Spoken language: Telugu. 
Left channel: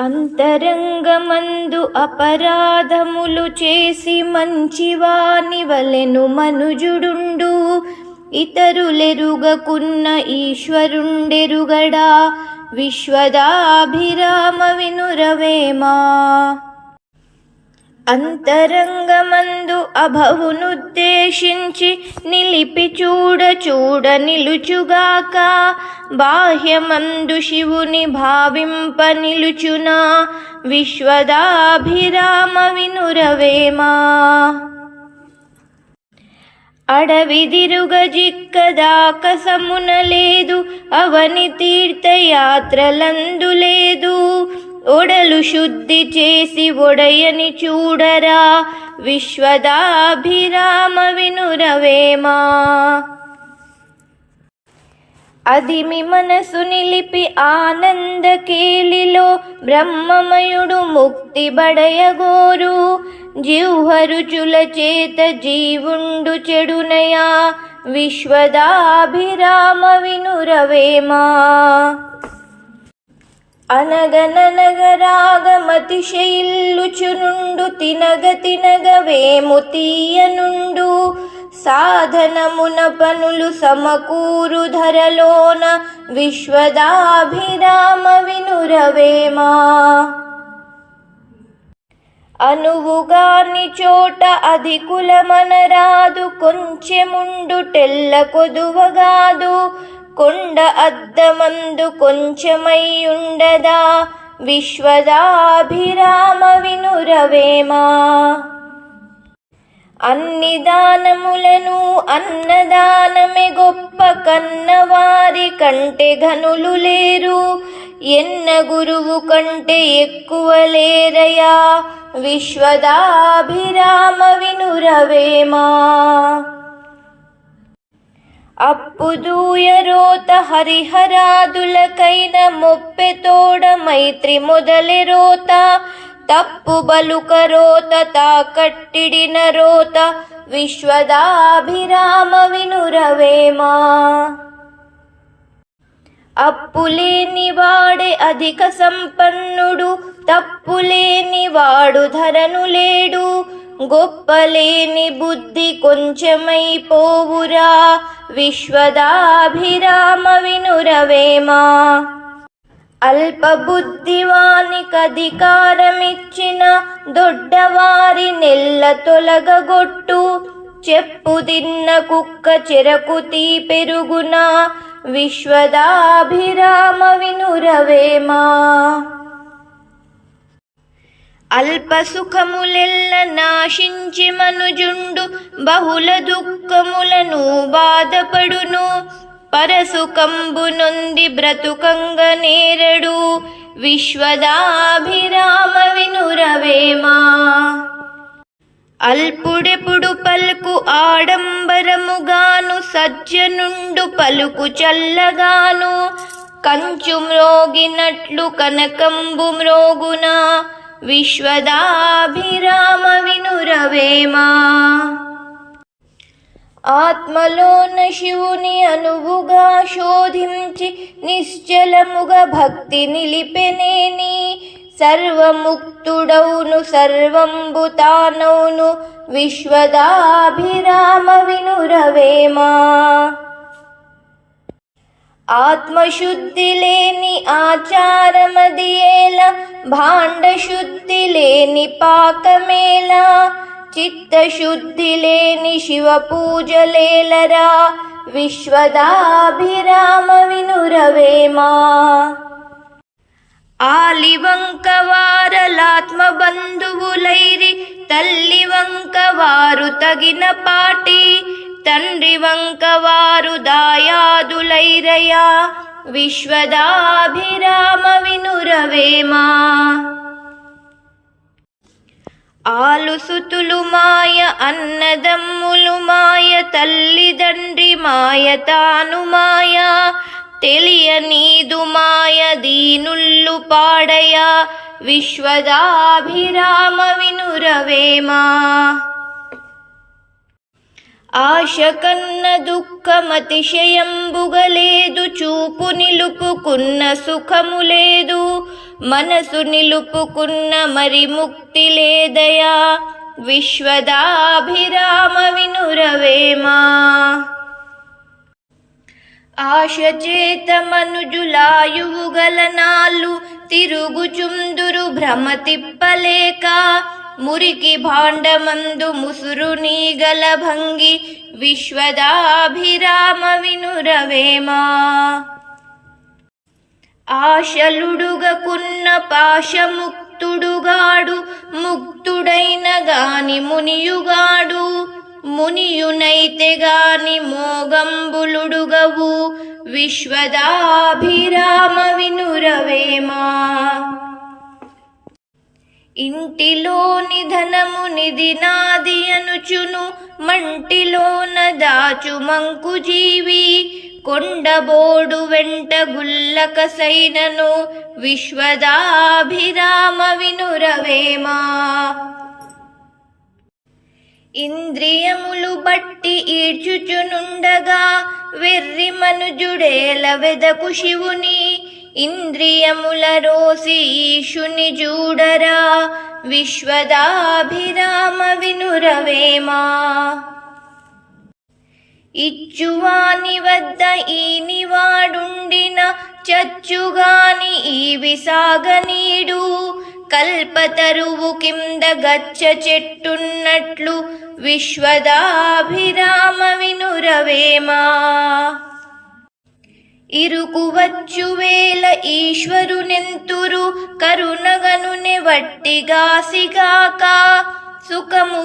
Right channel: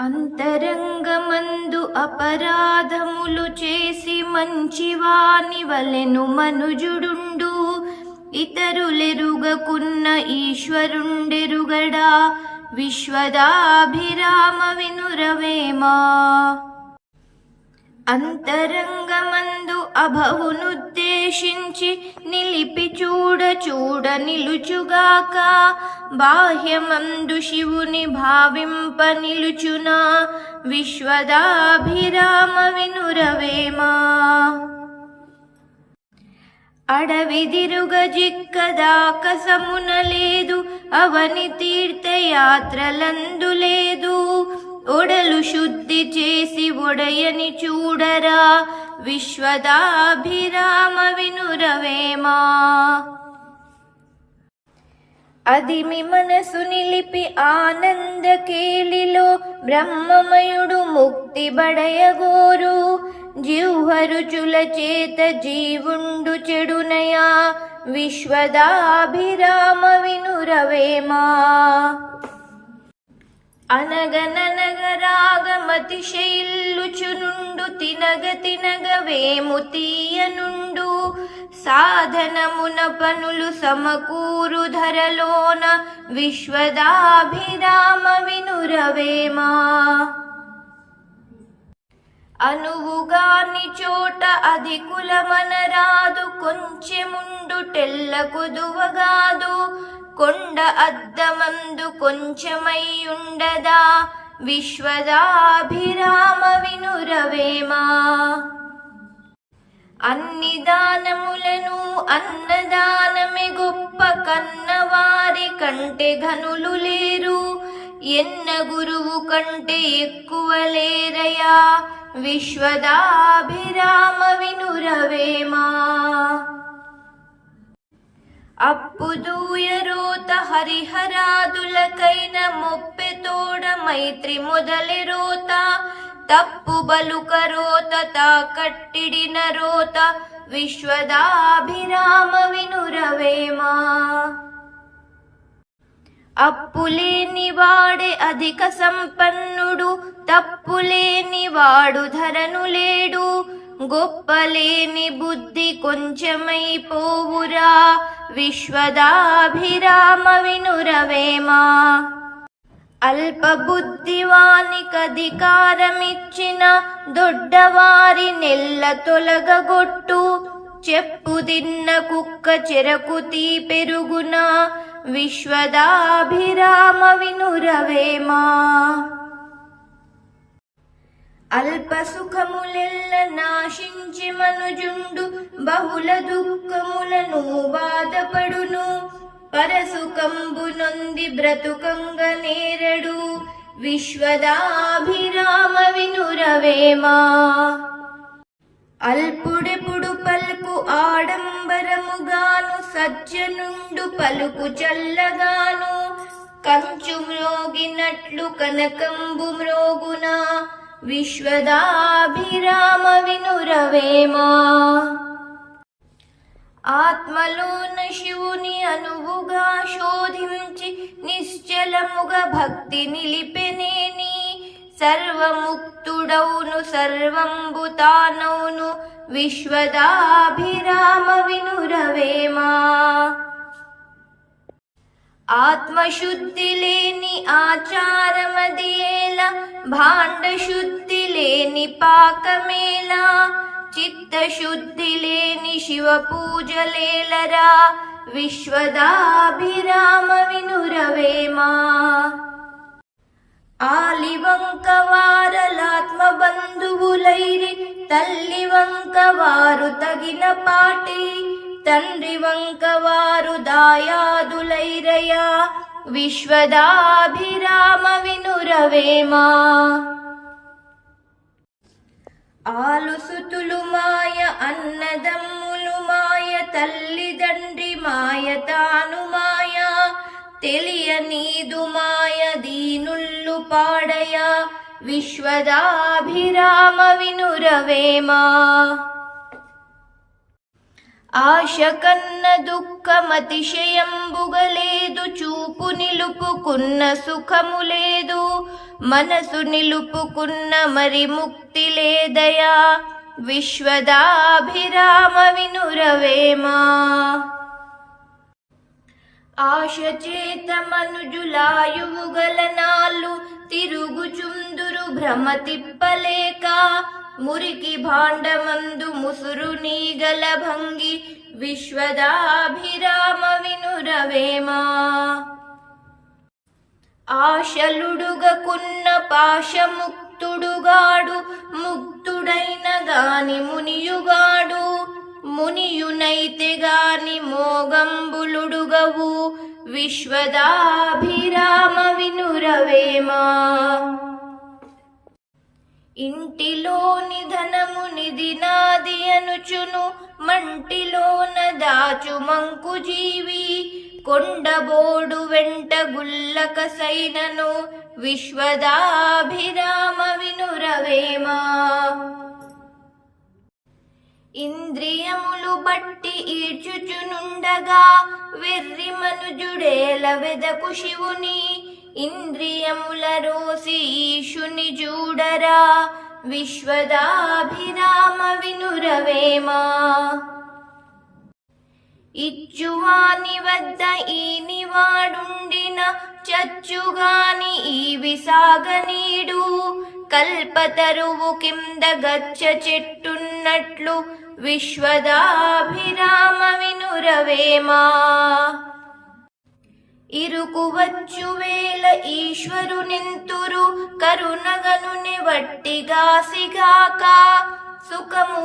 అంతరంగమందు అపరాధములు చేసి మంచివాని వలెను మనుజుడుండు. ఇతరులెరుగకున్న ఈశ్వరుండెరుగడా. విశ్వదాభిరామ వినురవేమా. అంతరంగమందు అభవునుద్దేశించి నిలిపి చూడ చూడ నిలుచుగాక. బాహ్యమందు శివుని భావింప నిలుచునా. విశ్వదాభిరామ వినురవేమా. అడవిదిరుగ జిక్కదాక సమున లేదు. అవని తీర్థయాత్రలందు లేదు. ఒడలు శుద్ధి చేసి ఒడయని చూడరా. విశ్వదాభిరామ వినురవేమా. అదిమి మనసు నిలిపి ఆనంద కేళిలో బ్రహ్మమయుడు ముక్తి బడయగోరు. జిహ్వరుచుల చేత జీవుండు చెడునయా. విశ్వదాభిరామ వినురవేమా. అనగననగరాగమతిశయిల్లుచునుండు. తినగ తినగ వేము తీయనుండు. సాధనమున పనులు సమకూరు ధరలోన. విశ్వదాభిరామ వినురవేమా. అనువుగాని చోట అధికులమనరాదు. కొంచెముండు టెల్ల కొదువగాదు. కొండ అద్దమందు కొంచెమయ్యుండదా. విశ్వదాభిరామ వినురవేమా. అన్ని దానములను అన్నదానమే గొప్ప. కన్నవారి కంటే ఘనులు లేరు. ఎన్న గురువు కంటే ఎక్కువ లేరయా. విశ్వదాభిరామ వినురవేమా. అప్పుదూయరోత హరిహరాదులకైన మొప్పెతోడ మైత్రి మొదలెరోత. తప్పు బలుకరోత తాకట్టిడిన రోత. విశ్వదాభిరామ వినురవేమా. అప్పులేని వాడే అధిక సంపన్నుడు. తప్పులేని వాడు ధరను లేడు. గొప్పలేని బుద్ధి కొంచెమైపోవురా. విశ్వదాభిరామ వినురవేమా. అల్పబుద్ధివానికధికారమిచ్చిన దొడ్డవారి నెల్ల తొలగగొట్టు. చెప్పు తిన్న కుక్క చెరకు తీ పెరుగునా. విశ్వదాభిరామ వినురవేమా. అల్ప సుఖములెల్ల నాశించి మనుజుండు. బహుళ దుఃఖములను బాధపడును. పరసుకంబు నొంది బ్రతుకంగ నేరడు. విశ్వదాభిరామ వినురవేమా. అల్పుడెప్పుడు పలుకు ఆడంబరముగాను. సజ్జనుండు పలుకు చల్లగాను. కంచు మ్రోగినట్లు కనకంబు మ్రోగునా. విశ్వదాభిరామ వినురవేమా. ఆత్మలోన శివుని అనువుగా శోధించి నిశ్చలముగా భక్తి నిలిపెనేని. సర్వముక్తుడౌను సర్వంబు తానౌను. విశ్వదాభిరామ వినురవేమా. ఆత్మశుద్ధి లేని ఆచారమదియేల. భాండశుద్ధి లేని పాకమేలా. చిత్తశుద్ధి లేని శివ పూజలేలరా. విశ్వదాభిరామ వినురవేమా. ఆలివంకవారలాత్మ బంధువులైరి. తల్లి వంకవారు తగిన పాటి. తండ్రి వంకవారు దాయాదులైరయా. విశ్వదాభిరామ వినురవేమా. ఆలుసుతులు మాయ అన్నదమ్ములు మాయ. తల్లిదండ్రి మాయ తాను మాయ. తెలియనీదు మాయ దీనుల్లు పాడయా. విశ్వదాభిరామ వినురవేమా. ఆశ కన్న దుఃఖమతిశయంబుగలేదు. చూపు నిలుపుకున్న సుఖము లేదు. మనసు నిలుపుకున్న మరి ముక్తి లేదయా విశ్వదాభిరామ వినురవేమా. ఆశ చేత మనుజులాయువు గలనాళ్ళు తిరుగుచుందురు భ్రమ తిప్పలేక మురికి భాండమందు ముసురు నీగల భంగి విశ్వదాభిరామ వినురవేమా. ఆశలుడుగకున్న పాశముక్తుడుగాడు ముక్తుడైన గాని మునియుగాడు మునియునైతే గాని మోగంబులుడుగవు విశ్వదాభిరామ వినురవేమా. ఇంటిలోని ధనము నిధి నాది అనుచును మంటిలోన దాచు మంకు జీవి కొండబోడు వెంట గుల్లక సైనను విశ్వదాభిరామ వినురవేమా. ఇంద్రియములు బట్టి ఈడ్చుచునుండగా వెర్రి మనుజుడేల వెదకు శివుని ఇంద్రియముల రోసి ఈశుని జూడరా విశ్వదాభిరామ వినురవేమా. ఇచ్చువాని వద్ద ఈనివాడుండిన చచ్చుగాని ఈ విసాగనీడు కల్పతరువు కింద గచ్చ చెట్టున్నట్లు విశ్వదాభిరామ వినురవేమా. ఇరుకు వచ్చు వేల ఈశ్వరునెంతురు కరుణగనునె వట్టిగాసిగాక సుఖము